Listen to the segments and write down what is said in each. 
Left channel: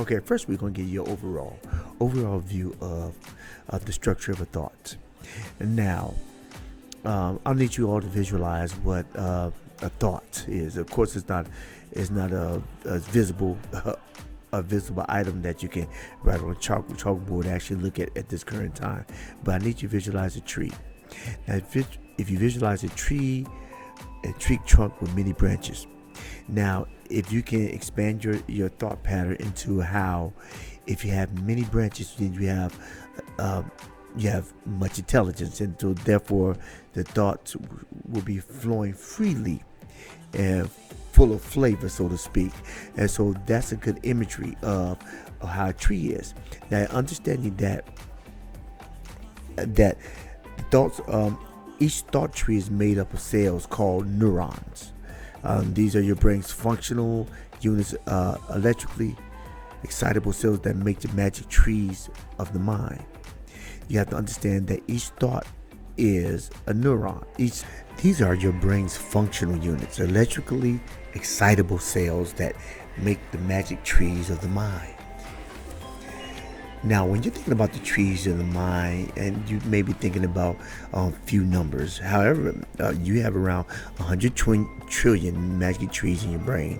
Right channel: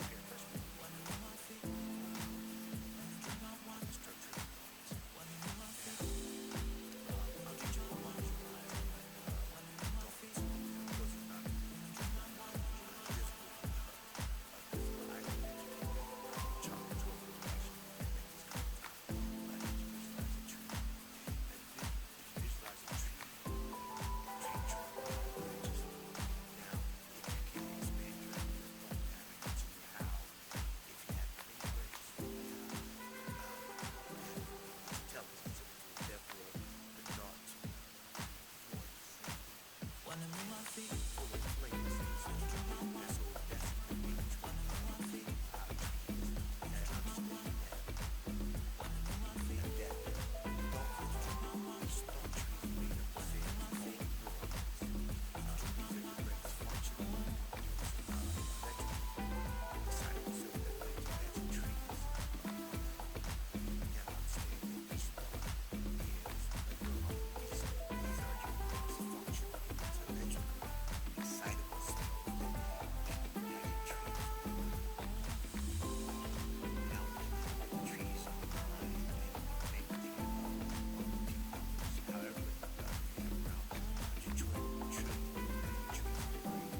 Okay, first we're going to get your overall view of the structure of a thought. And now, I'll need you all to visualize what a thought is. Of course, it's not a visible a visible item that you can write on a chalkboard and actually look at this current time. But I need you to visualize a tree. Now, if you visualize a tree trunk with many branches. Now, if you can expand your thought pattern into how, if you have many branches, then uh, you have much intelligence, and so therefore the thoughts will be flowing freely and full of flavor, so to speak. And so that's a good imagery of how a tree is. Now, understanding that thoughts, each thought tree is made up of cells called neurons. These are your brain's functional units, electrically excitable cells that make the magic trees of the mind. You have to understand that each thought is a neuron. These are your brain's functional units, electrically excitable cells that make the magic trees of the mind. Now, when you're thinking about the trees of the mind, and you may be thinking about few numbers, however, you have around 100 trillion magic trees in your brain,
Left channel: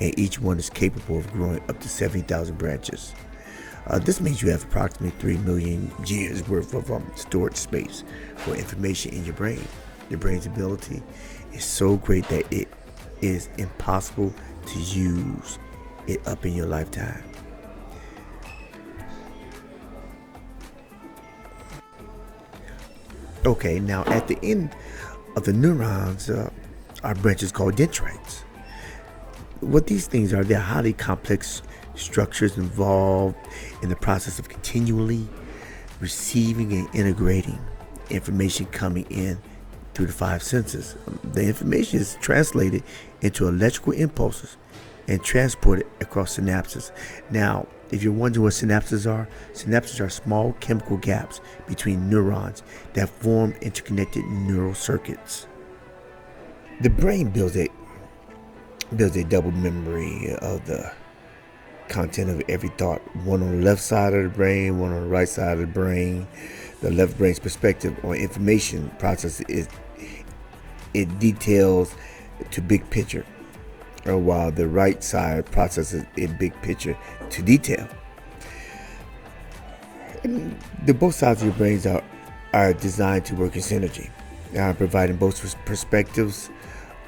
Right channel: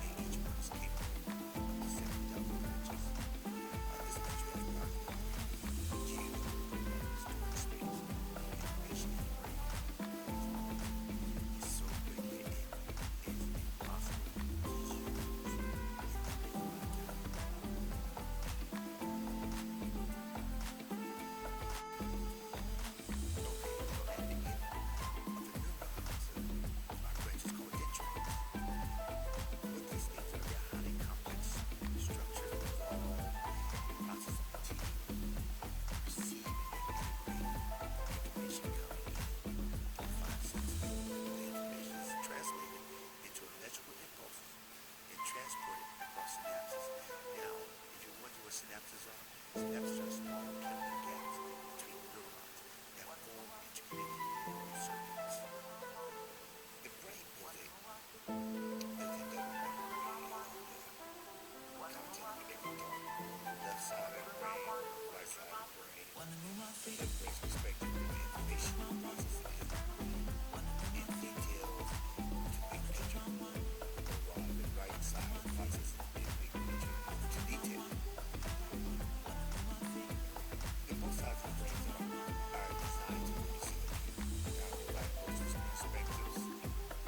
and each one is capable of growing up to 70,000 branches. This means you have approximately 3 million years worth of storage space for information in your brain. Your brain's ability is so great that it is impossible to use it up in your lifetime. Okay, now at the end of the neurons are branches called dendrites. What these things are, they're highly complex structures involved in the process of continually receiving and integrating information coming in through the five senses. The information is translated into electrical impulses and transported across synapses. Now, if you're wondering what synapses are small chemical gaps between neurons that form interconnected neural circuits. The brain builds a double memory of the content of every thought. One on the left side of the brain, one on the right side of the brain. The left brain's perspective on information process is it details to big picture, while the right side processes in big picture to detail. And the both sides of your brains are designed to work in synergy, providing both perspectives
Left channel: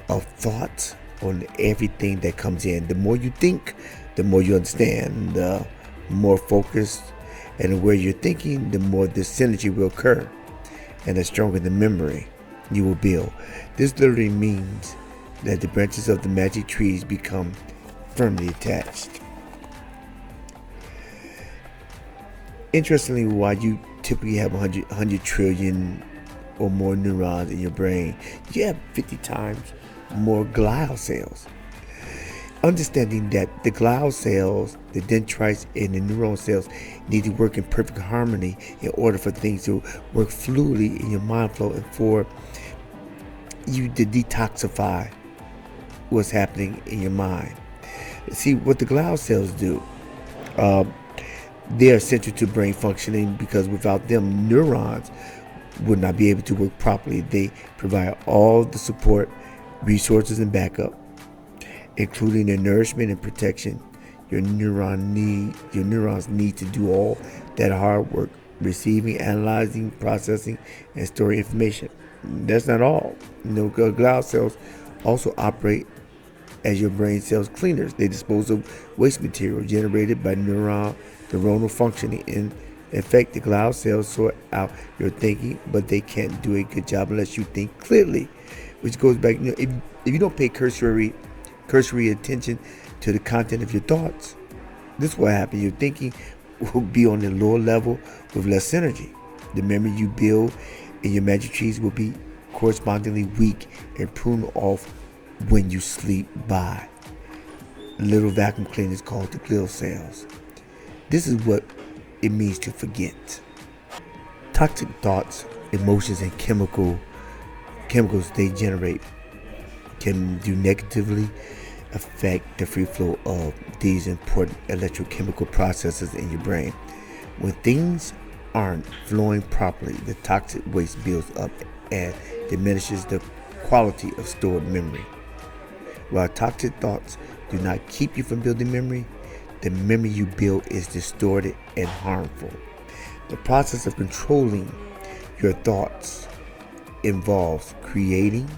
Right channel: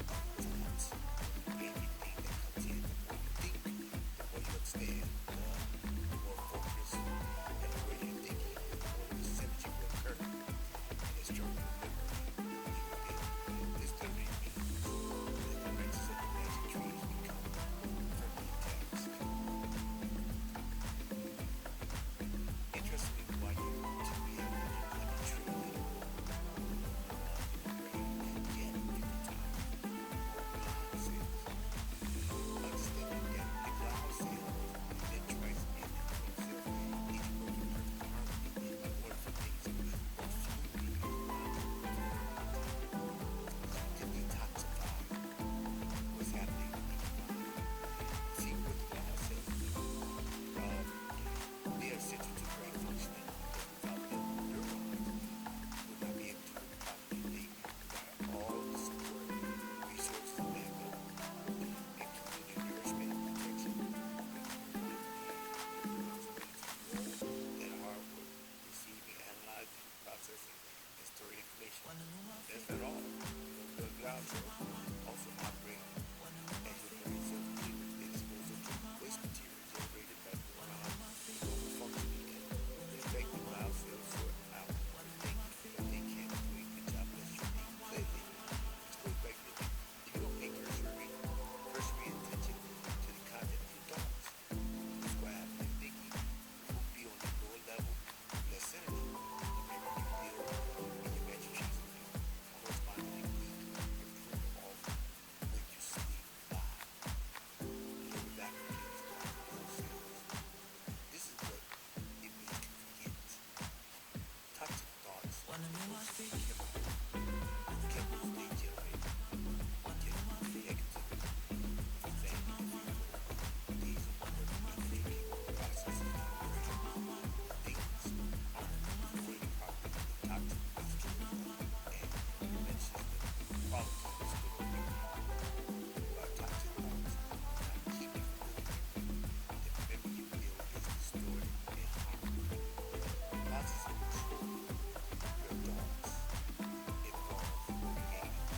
of thoughts on everything that comes in. The more you think, the more you understand. The more focused and where you're thinking, the more this synergy will occur, and the stronger the memory you will build. This literally means that the branches of the magic trees become firmly attached. Interestingly, while you typically have 100 trillion or more neurons in your brain, you have 50 times more glial cells. Understanding that the glial cells, the dendrites, and the neuron cells need to work in perfect harmony in order for things to work fluidly in your mind flow and for you to detoxify what's happening in your mind. See, what the glial cells do, they are essential to brain functioning because without them, neurons would not be able to work properly. They provide all the support, resources, and backup, including the nourishment and protection your neurons need to do all that hard work, receiving, analyzing, processing, and storing information. That's not all. Glial cells also operate as your brain cells cleaners. They dispose of waste material generated by neuronal functioning. In effect, the glial cells sort out your thinking, but they can't do a good job unless you think clearly. Which goes back, if you don't pay cursory attention to the content of your thoughts, this is what happens. Your thinking will be on the lower level with less energy. The memory you build in your magic trees will be correspondingly weak and prune off when you sleep by. Little vacuum cleaners called the glial cells. This is what it means to forget. Toxic thoughts, emotions, and chemicals they generate can do negatively affect the free flow of these important electrochemical processes in your brain. When things aren't flowing properly, the toxic waste builds up and diminishes the quality of stored memory. While toxic thoughts do not keep you from building memory, the memory you build is distorted and harmful. The process of controlling your thoughts involves creating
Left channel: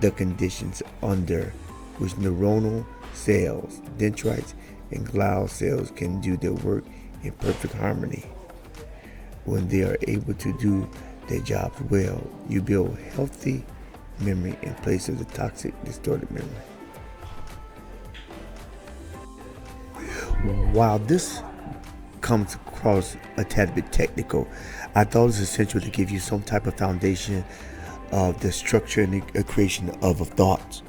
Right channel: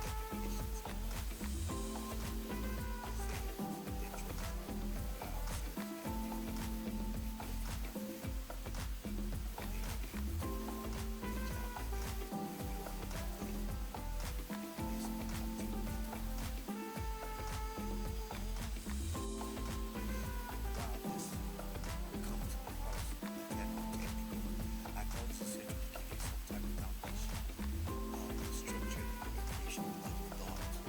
the conditions under which neuronal cells, dendrites, and glial cells can do their work in perfect harmony. When they are able to do their jobs well, you build healthy memory in place of the toxic, distorted memory. While this comes across a tad bit technical, I thought it was essential to give you some type of foundation of the structure and the creation of a thought.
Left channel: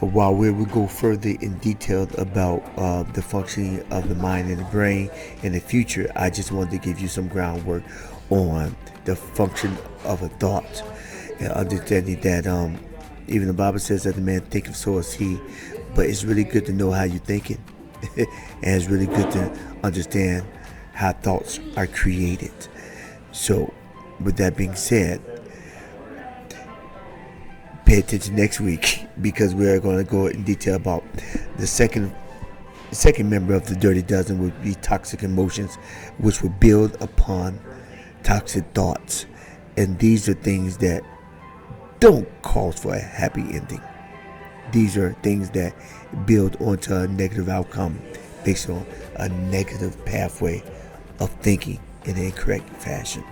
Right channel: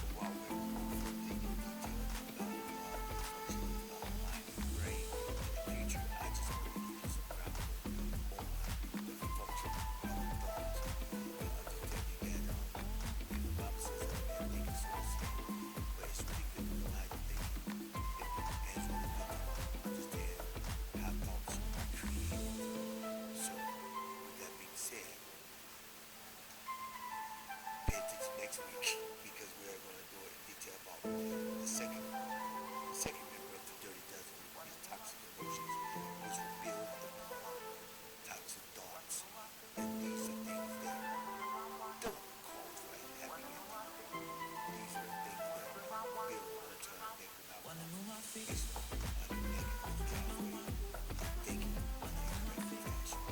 While we will go further in detail about the functioning of the mind and the brain in the future, I just wanted to give you some groundwork on the function of a thought and understanding that even the Bible says that the man thinketh so is he, but it's really good to know how you're thinking and it's really good to understand how thoughts are created. So with that being said, pay attention next week because we're going to go in detail about the second member of the Dirty Dozen would be toxic emotions, which will build upon toxic thoughts. And these are things that don't cause for a happy ending. These are things that build onto a negative outcome based on a negative pathway of thinking in an incorrect fashion.